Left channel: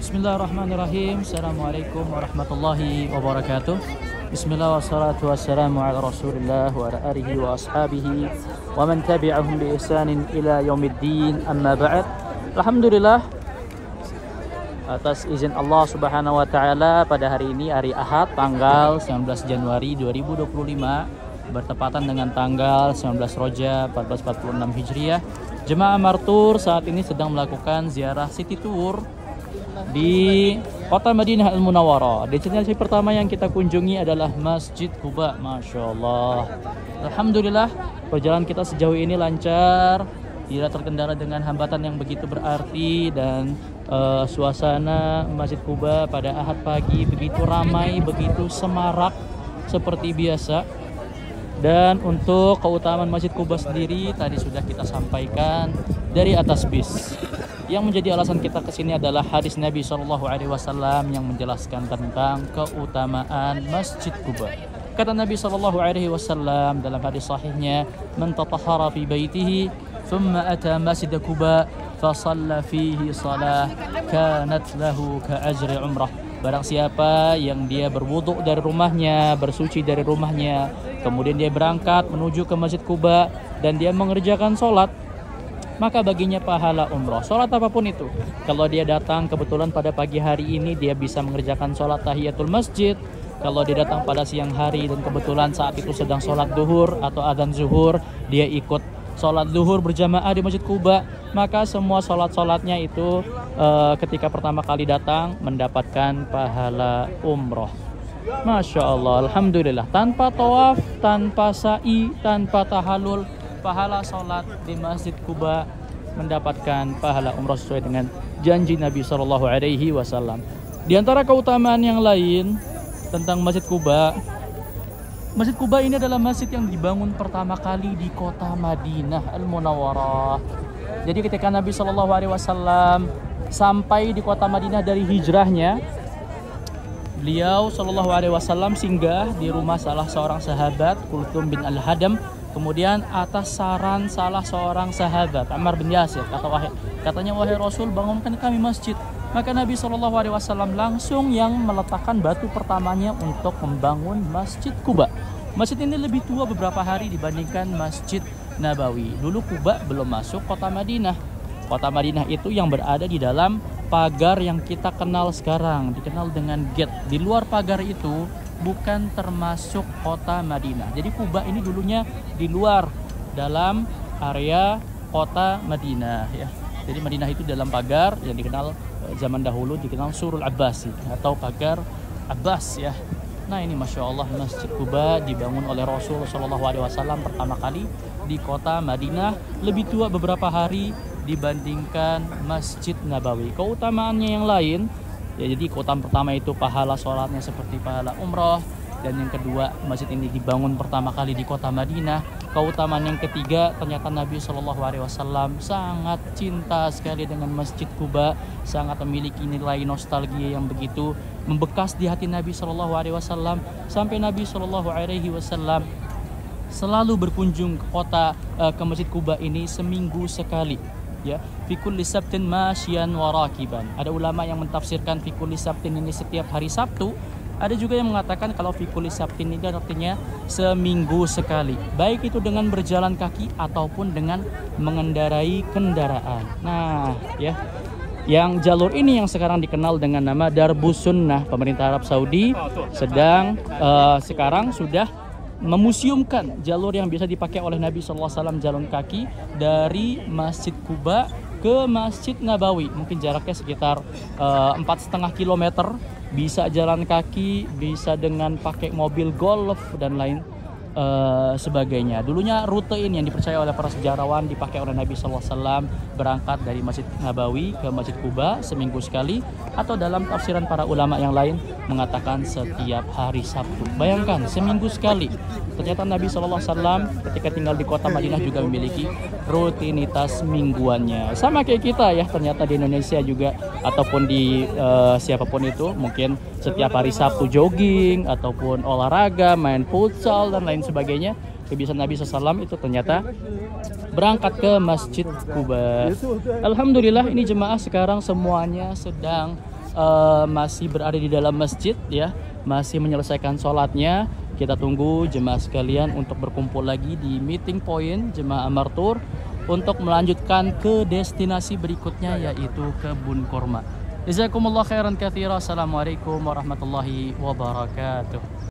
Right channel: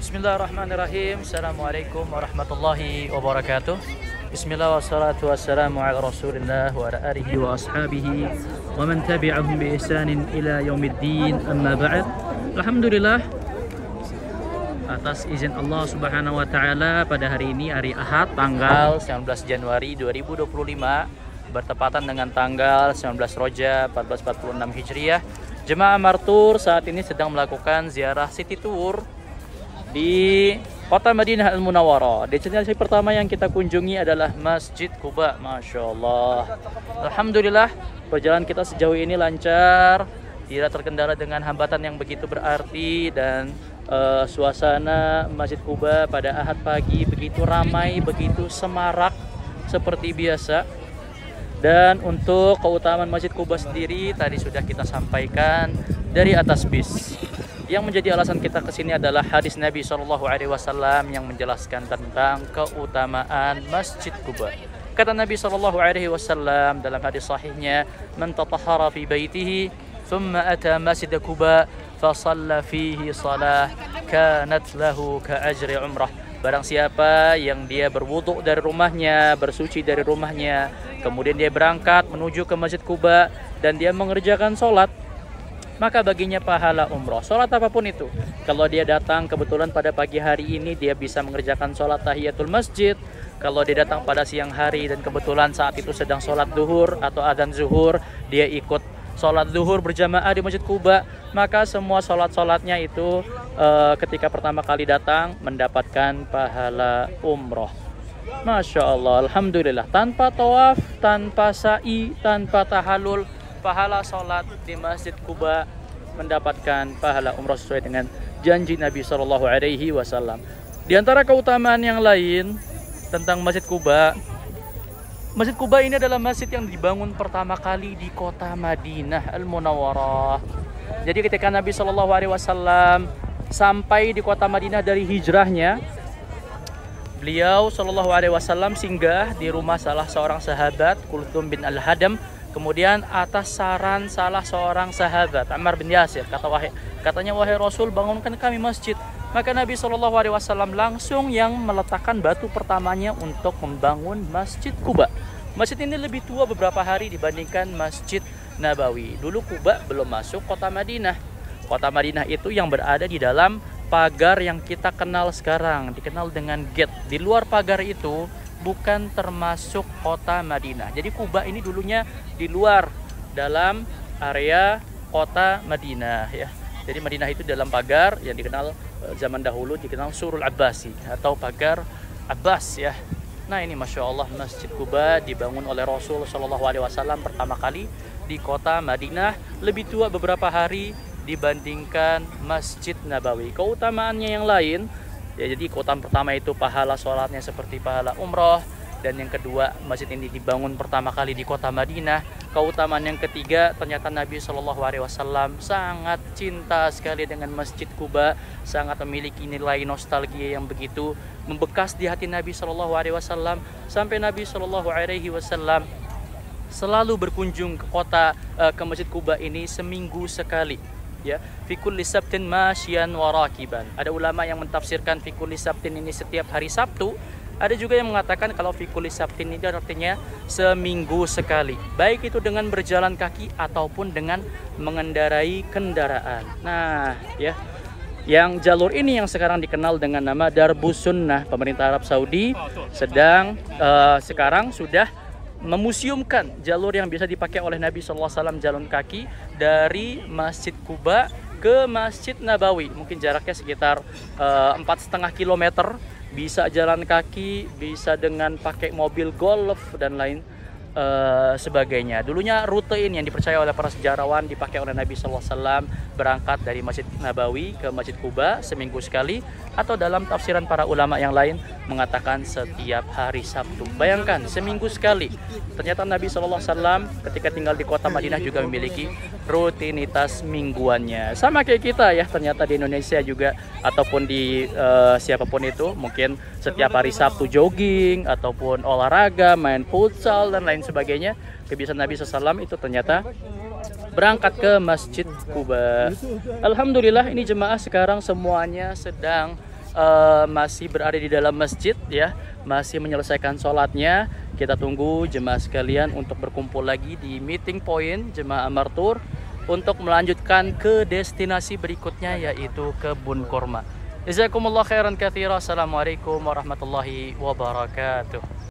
Bismillahirrahmanirrahim. Assalamualaikum warahmatullahi wabarakatuh. Bismillah wassalatu wassalamu ala rasulillah wa ala alihi wa ashabihi wa man tabi'ahum bi ihsanin ila yaumiddin, amma ba'd. Alhamdulillah, atas izin Allah subhanahu wa ta'ala, pada hari ini hari Ahad tanggal 19 Januari 2025 bertepatan dengan tanggal 19 Rajab 1446 Hijriah, Jemaah Martur saat ini sedang melakukan ziarah city tour di kota Madinah Al-Munawwarah. Destinasi pertama yang kita kunjungi adalah Masjid Quba. Masya Allah, alhamdulillah, perjalanan kita sejauh ini lancar, tidak terkendala dengan hambatan yang begitu berarti, dan suasana Masjid Quba pada Ahad pagi begitu ramai, begitu semarak seperti biasa. Dan untuk keutamaan Masjid Quba sendiri tadi sudah kita sampaikan dari atas bis. Yang menjadi alasan kita kesini adalah hadis Nabi SAW yang menjelaskan tentang keutamaan Masjid Quba. Kata Nabi SAW dalam hadis sahihnya, "Man tatahhara fi baitihi, thumma ata Masjid Quba, fa shalla fihi salah, kanat lahu ka ajri umrah." Barang siapa yang dia berwudu dari rumahnya, bersuci dari rumahnya, kemudian dia berangkat menuju ke Masjid Quba dan dia mengerjakan sholat, maka baginya pahala umroh. Sholat apapun itu. Kalau dia datang kebetulan pada pagi hari ini, dia bisa mengerjakan sholat tahiyatul masjid. Kalau dia datang pada siang hari dan kebetulan saat itu sedang sholat duhur atau adzan zuhur, dia ikut sholat duhur berjamaah di Masjid Quba, maka semua sholat-sholatnya itu ketika pertama kali datang mendapatkan pahala umroh. Masya Allah, alhamdulillah, tanpa tawaf, tanpa sa'i, tanpa tahalul, pahala sholat di Masjid Quba mendapatkan pahala umroh sesuai dengan janji Nabi SAW. Di antara keutamaan yang lain tentang Masjid Quba, Masjid Quba ini adalah masjid yang dibangun pertama kali di kota Madinah Al-Munawwarah. Jadi ketika Nabi SAW sampai di kota Madinah dari hijrahnya, beliau SAW singgah di rumah salah seorang sahabat, Kulthum bin Al-Hadam. Kemudian atas saran salah seorang sahabat, Ammar bin Yasir, katanya, "Wahai Rasul, bangunkan kami masjid." Maka Nabi SAW langsung yang meletakkan batu pertamanya untuk membangun Masjid Quba. Masjid ini lebih tua beberapa hari dibandingkan Masjid Nabawi. Dulu Quba belum masuk kota Madinah. Kota Madinah itu yang berada di dalam pagar yang kita kenal sekarang, dikenal dengan gate. Di luar pagar itu bukan termasuk kota Madinah. Jadi Quba ini dulunya di luar dalam area kota Madinah, ya. Jadi Madinah itu dalam pagar yang dikenal zaman dahulu dikenal Surul Abbasi atau pagar Abbas, ya. Nah, ini Masya Allah, Masjid Quba dibangun oleh Rasul SAW pertama kali di kota Madinah, lebih tua beberapa hari dibandingkan Masjid Nabawi. Keutamaannya yang lain, ya, jadi keutamaan pertama itu pahala sholatnya seperti pahala umroh, dan yang kedua, masjid ini dibangun pertama kali di kota Madinah. Keutamaan yang ketiga, ternyata Nabi SAW sangat cinta sekali dengan Masjid Quba, sangat memiliki nilai nostalgia yang begitu membekas di hati Nabi SAW, sampai Nabi SAW selalu berkunjung ke Masjid Quba ini seminggu sekali. Ya, fi kulli sabtin masyian wa rakiban. Ada ulama yang mentafsirkan fi kulli sabtin ini setiap hari Sabtu. Ada juga yang mengatakan kalau fi kulli sabtin ini artinya seminggu sekali, baik itu dengan berjalan kaki ataupun dengan mengendarai kendaraan. Nah, ya, yang jalur ini yang sekarang dikenal dengan nama Darbus Sunnah, pemerintah Arab Saudi sedang sekarang sudah memuseumkan jalur yang bisa dipakai oleh Nabi SAW, jalan kaki dari Masjid Quba ke Masjid Nabawi. Mungkin jaraknya sekitar 4,5 kilometer. Bisa jalan kaki, bisa dengan pakai mobil golf dan lain sebagainya. Dulunya rute ini yang dipercaya oleh para sejarawan dipakai oleh Nabi SAW, berangkat dari Masjid Nabawi ke Masjid Quba seminggu sekali, atau dalam tafsiran para ulama yang lain mengatakan setiap hari Sabtu. Bayangkan, seminggu sekali. Ternyata Nabi SAW ketika tinggal di kota Madinah juga memiliki rutinitas mingguannya. Sama kayak kita, ya, ternyata di Indonesia juga, ataupun di siapapun itu, mungkin setiap hari Sabtu jogging, ataupun olahraga, main futsal, dan lain sebagainya. Kebiasaan Nabi SAW itu ternyata berangkat ke Masjid Quba. Alhamdulillah, ini jemaah sekarang semuanya sedang masih berada di dalam masjid ya, masih menyelesaikan sholatnya. Kita tunggu jemaah sekalian untuk berkumpul lagi di meeting point jemaah Amartur untuk melanjutkan ke destinasi berikutnya, yaitu kebun kurma. Jazakumullah khairan katsira. Assalamualaikum warahmatullahi wabarakatuh.